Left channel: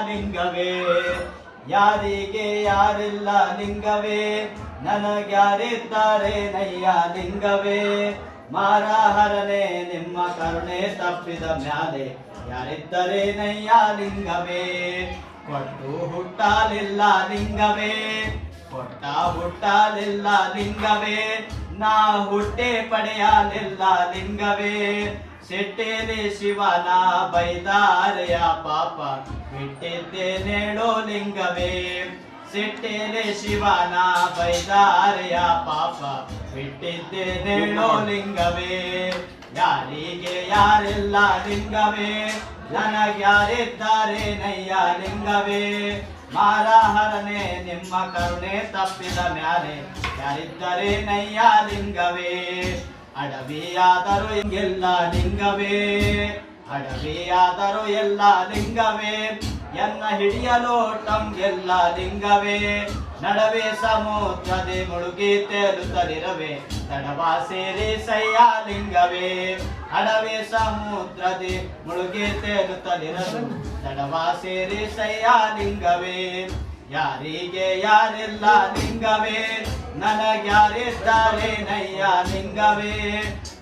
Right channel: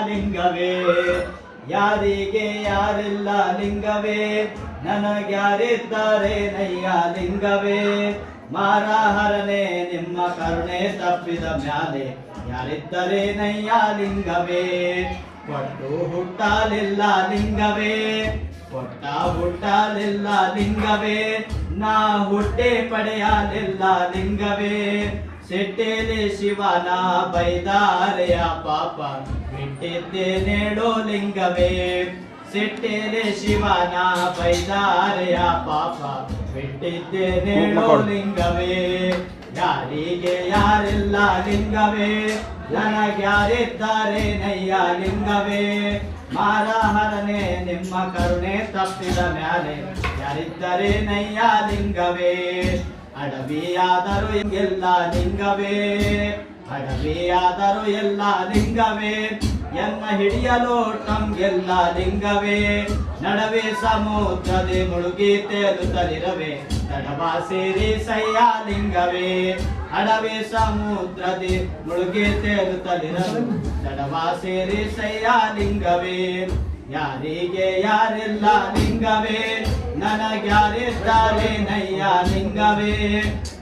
ಲಿಂಗವೇ ಯಾರಿಗೆ ಯಾರಿಲ್ಲ ಲಿಂಗವೇ ನನಗ್ಯಾರಿದ್ದಾರೆ ನಯ್ಯ ಲಿಂಗವೇ ಮಾರಹರನೆ ನಿಮ್ಮ ಕರುಣೆ ತಪ್ಪಿದ ಮ್ಯಾಲೆ ಯಾರಿದ್ದರೆ ನಯ್ಯ ಲಿಂಗವೇ ಕೊಟ್ಟು ಹುಟ್ಟಲಿಲ್ಲ ಲಿಂಗವೇ ಕೊಟ್ಟ ಹುಟ್ಟಲಿಲ್ಲ ಲಿಂಗವೇ ನಾ ಹುಟ್ಟೆ ಪಡೆಯಲಿಲ್ಲ ಲಿಂಗವೇ ಸಿಟ್ಟೇಲಿ ಶಿವನ ಬೈದಾರೆಯ ಪಾಪ ಬಿಟ್ಟಿದ್ದೇನೇಳೋ ಲಿಂಗವೇ ಸಿಟ್ಟೇಲಿ ಶಿವನ ಬೈದಾರೆಯ ಪಾಪ ಬಿಟ್ಟಿದ್ದೇನೇಳೋ ಲಿಂಗವೇ ಯಾರಿಗೆ ಯಾರಿಲ್ಲ ಲಿಂಗವೇ ನನಗ್ಯಾರಿದ್ದಾರೆ ನಯ್ಯ ಲಿಂಗವೇ ಮಾರಹರನೆ ನಿಮ್ಮ ಕರುಣೆ ತಪ್ಪಿದ ಮ್ಯಾಲೆ ಯಾರಿದ್ದರೆ ನಯ್ಯ ಲಿಂಗವೇ ಅಡವಿಯಾದರೂ ಹಿಂಗೆಲ್ಲ ಲಿಂಗವೇ ಅಡವಿಯಾದರೂ ಎಲ್ಲ ಲಿಂಗವೇ ಎನ್ನ ಹಿಡಿಯಲು ಟಂಗೆಲ್ಲ ಲಿಂಗವೇ ನಡವೆ ಸಮುದ್ರದಿ ಮುಳುಗಿ ತೇಲುತ್ತಲಿರವೆ ತಡವ ಸೇರಿ ಸಯ್ಯ ಲಿಂಗವೇ ಅಡವೆ ಸಮುದ್ರದಿ ಮುಳುಗಿ ತೇಲುತ್ತಲಿರವೆ ತಡವ ಸೇರಿ ಸಯ್ಯ ಲಿಂಗವೇ ಯಾರಿಗೆ ಯಾರಿಲ್ಲ ಲಿಂಗವೇ ನನಗ್ಯಾರಿದ್ದಾರೆ ನಯ್ಯ ಲಿಂಗವೇ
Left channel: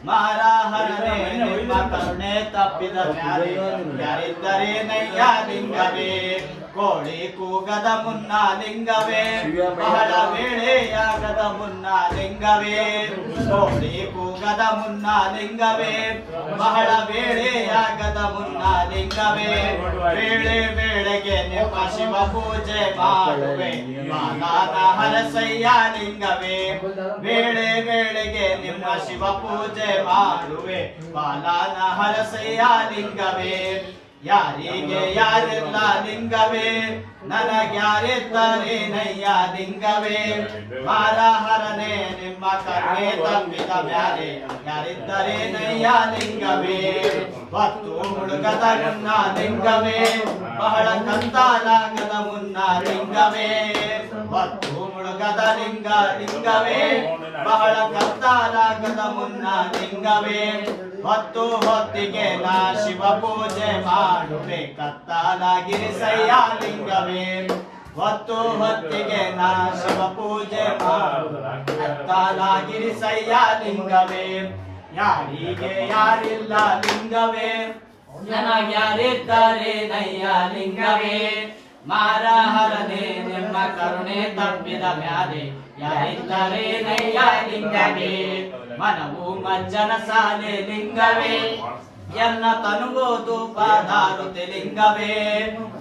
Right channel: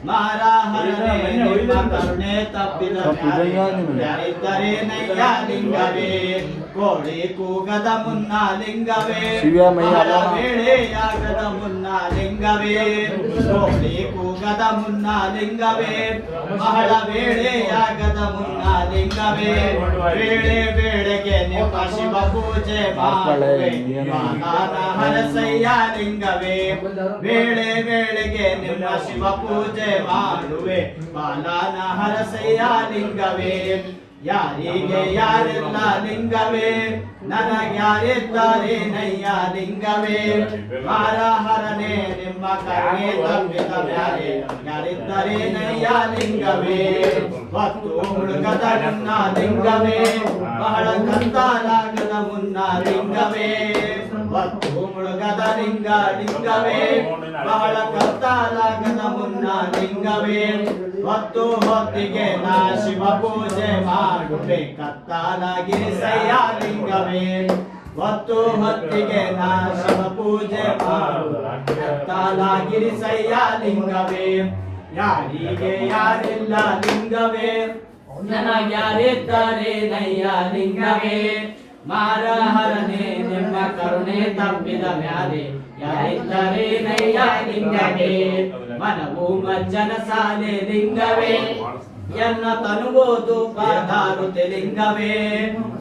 ಮಾರಹರನೆ ನಿಮ್ಮ ಕರುಣೆ ತಪ್ಪಿದ ಮ್ಯಾಲೆ ಯಾರಿದ್ದರೆ ನಯ್ಯ ಲಿಂಗವೇ ಕೋಳಿ ಕೂಗದ ಮುನ್ನ ಲಿಂಗವೇ ಬಹಳ ವೇಳೆಯಾಗದ ಮುನ್ನ ಲಿಂಗವೇ ಕೋಳಿ ಕೂಗದ ಮುನ್ನ ಲಿಂಗವೇ ಬಹಳ ವೇಳೆಯಾಗದ ಮುನ್ನ ಲಿಂಗವೇ ವೇಳೆ ವೇಳೆಗೆ ನಿಮ್ಮ ಶಿವ ಪೂಜೆ ಮಾಡುವೆ ಬಾಲನ ಹರಸಯ್ಯ ಲಿಂಗವೇ ವೇಳೆ ವೇಳೆಗೆ ನಿಮ್ಮ ಶಿವ ಪೂಜೆ ಮಾಡುವೆ ಬಾಲನ ಹರಸಯ್ಯ ಲಿಂಗವೇ ಯಾರಿಗೆ ಯಾರಿಲ್ಲ ಲಿಂಗವೇ ನನಗ್ಯಾರಿದ್ದಾರೆ ನಯ್ಯ ಲಿಂಗವೇ ಮಾರಹರನೆ ನಿಮ್ಮ ಕರುಣೆ ತಪ್ಪಿದ ಮ್ಯಾಲೆ ಯಾರಿದ್ದರೆ ನಯ್ಯ ಲಿಂಗವೇ ಹೊತ್ತು ಹುಡುಗದ ಮುನ್ನ ಲಿಂಗವೇ ಬಹಳ ಕತ್ತಲಾಗದ ಮುನ್ನ ಲಿಂಗವೇ ಹೊತ್ತು ಮುಳುಗದ ಲಿಂಗವೇ ಬಹಳ ಕತ್ತಲಾಗದ ಮುನ್ನ ಲಿಂಗವೇ ಹೊತ್ತು ಹೊತ್ತಿಗೆ ನಾ ಶಿವ ಪೂಜೆ ಮಾಡುವೆ ಕತ್ತಲಾಗಿರಿಸಯ್ಯ ಲಿಂಗವೇ ಹೊತ್ತು ಹೊತ್ತಿಗೆ ನಾ ಶಿವ ಪೂಜೆ ಮಾಡುವೆ ಕತ್ತಲಾಗಿರಿಸಯ್ಯ ಲಿಂಗವೇ ಯಾರಿಗೆ ಯಾರಿಲ್ಲ ಲಿಂಗವೇ ನನಗ್ಯಾರಿದ್ದಾರೆ ನಯ್ಯ ಲಿಂಗವೇ ಮಾರಹರನೆ ನಿಮ್ಮ ಕರುಣೆ ತಪ್ಪಿದ ಮ್ಯಾಲೆ ಯಾರಿದ್ದಾರೆ ನಯ್ಯ ಲಿಂಗವೇ ಮನವು ಮಜ್ಜನ ಸಾಲೆ ಲಿಂಗವೇ ಎನ್ನ ತನುವುದು ಪಾದಾರುತೆ ಲಿಂಗವೇ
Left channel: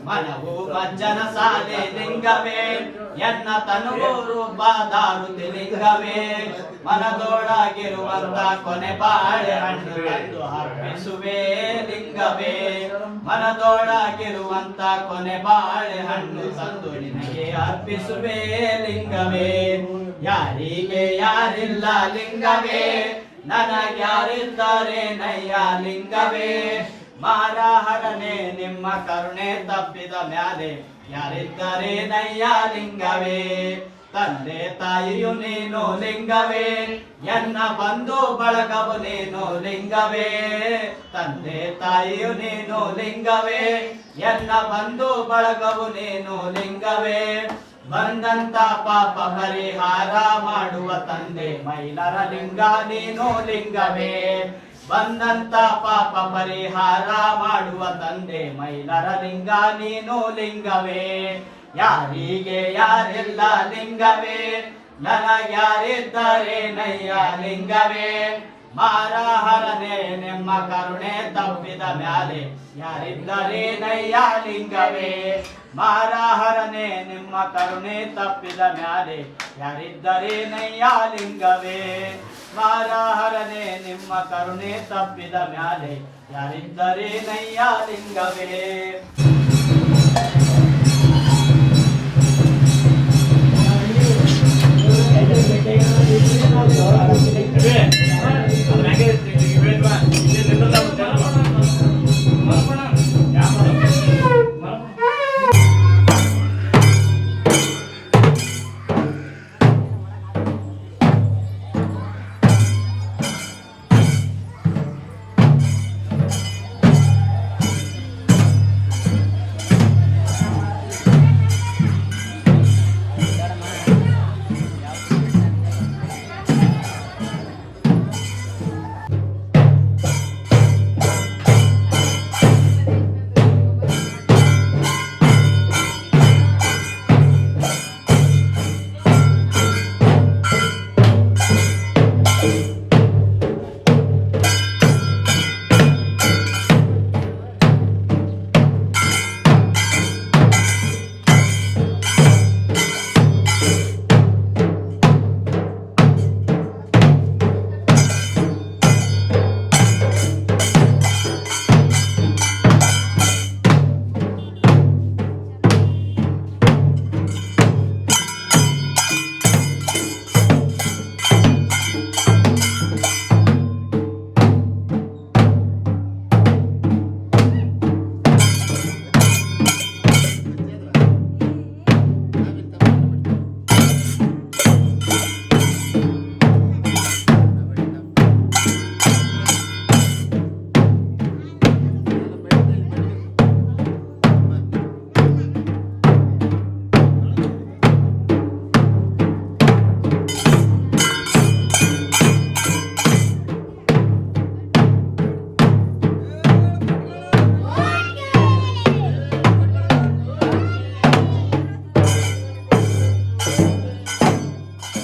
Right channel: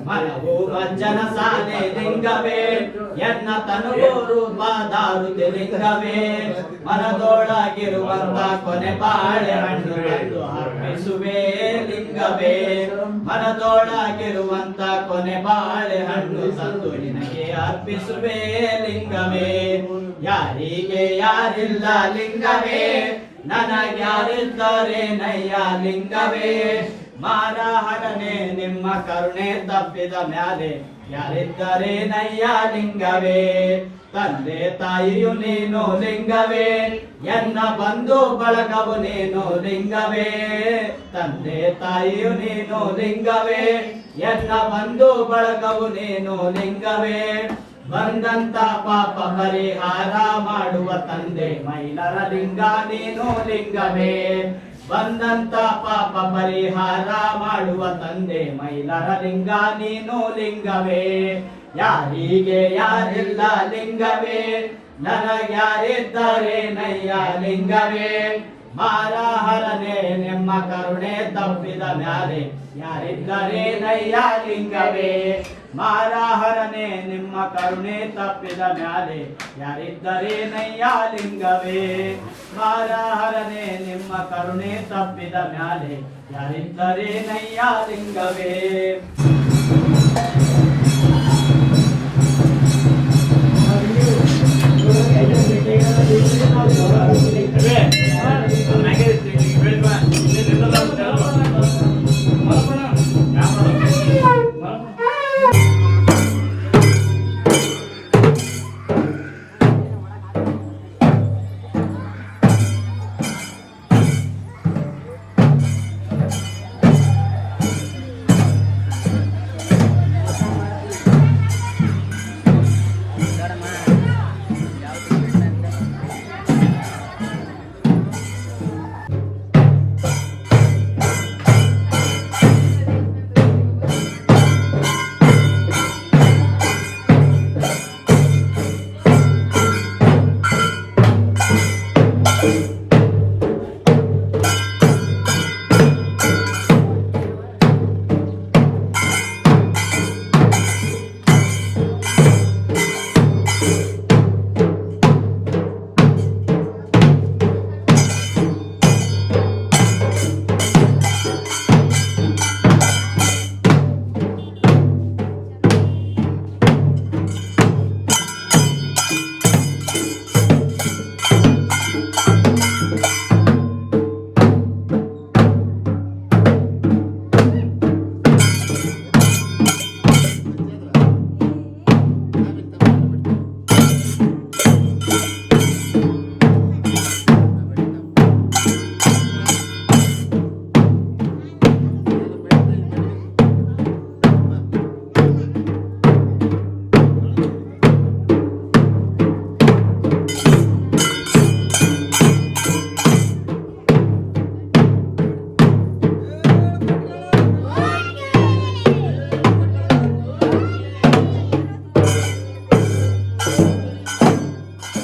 ಮನವು ಮಜ್ಜನ ಸಾಲೆ ಲಿಂಗವೇ ಎನ್ನ ತನುವು ರೂಪಾದಾರುತೆ ಲಿಂಗವೇ ಮನದೊಳಗಿರುವಂತ ಕೊನೆ ಬಾಳೆಹಣ್ಣು ಎಂದು ಅರ್ಪಿಸುವೆ ಲಿಂಗವೇ ಮನದೊಳಗಿರುವಂತ ಕೊನೆ ಬಾಳೆಹಣ್ಣು ತಂದು ನಿನಗೆ ಅರ್ಪಿಸುವೆ ಲಿಂಗವೇ ಯಾರಿಗೆ ಯಾರಿಲ್ಲ ಲಿಂಗವೇ ನನಗ್ಯಾರಿದ್ದಾರೆ ನಯ್ಯ ಲಿಂಗವೇ ಮಾರಹರನೆ ನಿಮ್ಮ ಕರುಣೆ ತಪ್ಪಿದ ಮ್ಯಾಲೆ ಯಾರಿದ್ದಾರೆ ನಯ್ಯ ಲಿಂಗವೇ ತಂದೆ ತಾಯಿಯು ನೀನು ಲಿಂಗವೇ ಎನ್ನ ಬಂಧು ಬಳಗವು ನೀನು ಲಿಂಗವೇ ತಂದೆ ತಾಯಿಯು ನೀನು ಲಿಂಗವೇ ಎನ್ನ ಬಂಧು ಬಳಗವು ನೀನು ಲಿಂಗವೇ ಬಂದಂತ ಪಾಪ ಪರಿಹಾರ ಮಾಡುವ ತಂದೆ ಮೈಲರ ಲಿಂಗ ನೀನು ಲಿಂಗವೇ ಬಂದಂತ ಪಾಪ ಪರಿಹಾರ ಮಾಡುವ ತಂದೆ ಮೈಲರ ಲಿಂಗ ನೀನು ಲಿಂಗವೇ ಯಾರಿಗೆ ಯಾರಿಲ್ಲ ಲಿಂಗವೇ ನನಗ್ಯಾರಿದ್ದಾರೆ ನಯ್ಯ ಲಿಂಗವೇ ಮಾರಹರನೆ ನಿಮ್ಮ ಕರುಣೆ ತಪ್ಪಿದ ಮ್ಯಾಲೆ ಯಾರಿದ್ದಾರೆ ನಯ್ಯ ಲಿಂಗವೇ ಮಾರಹರನೆ ನಿಮ್ಮ ಕರುಣೆ ತಪ್ಪಿದ ಮ್ಯಾಲೆ ಯಾರಿದ್ದಾರೆ ನಯ್ಯ ಲಿಂಗವೇ ಮಾರಹರನೆ ನಿಮ್ಮ ಕರುಣೆ ತಪ್ಪಿದ ಮ್ಯಾಲೆ ಯಾರಿದ್ದಾರೆ ನಯ್ಯ ಲಿಂಗವೇ